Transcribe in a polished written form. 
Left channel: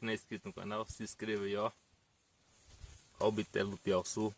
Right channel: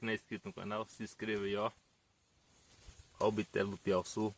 que não é inscrito no canal, se inscreva aí, ó. Ó o bitelo do Piauçu.